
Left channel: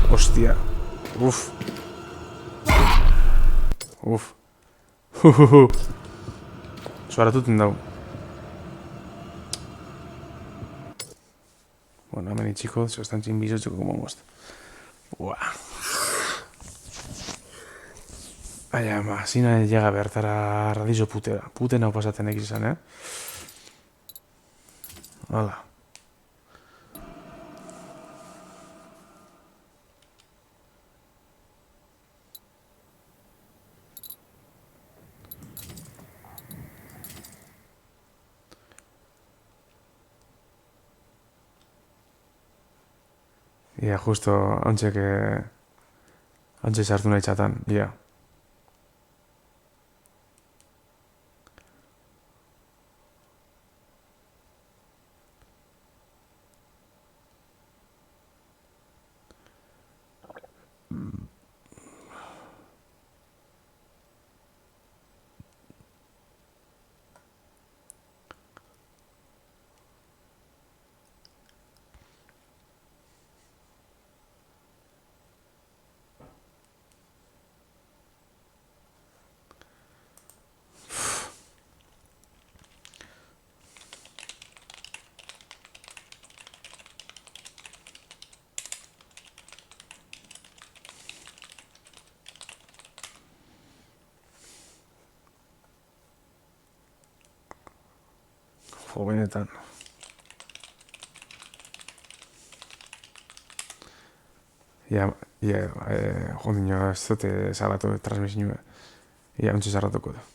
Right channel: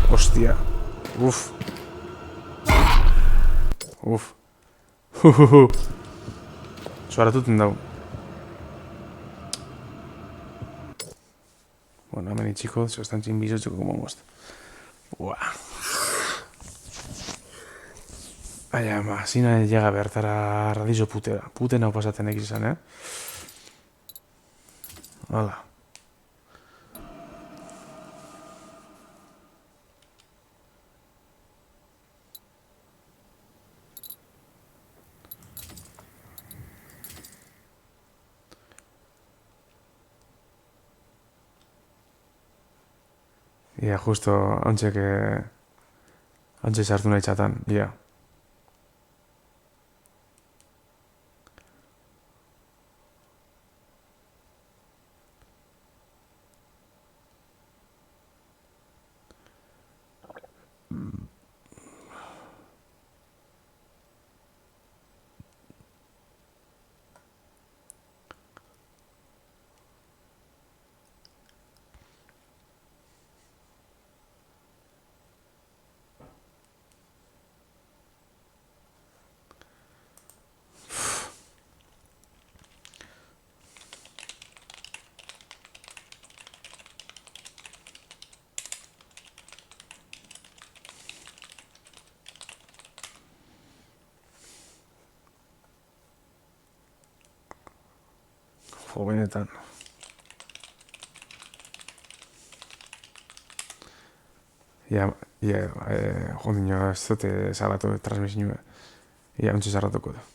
Hostia. Uf. Suaratuten dau. Bueno, hemen itxiko, se estan txin bizotxeko como most. Buah. Baina, zina llega bertara radizo putera. Puten hau pasaten egiz izan, Hala. Ia, justo, hauntxe sartu nahi txatan, ia. Jo, benetan. Ia, jo, dino, ez dute salatu transmisioa. Ia, ontsi sarratuko du.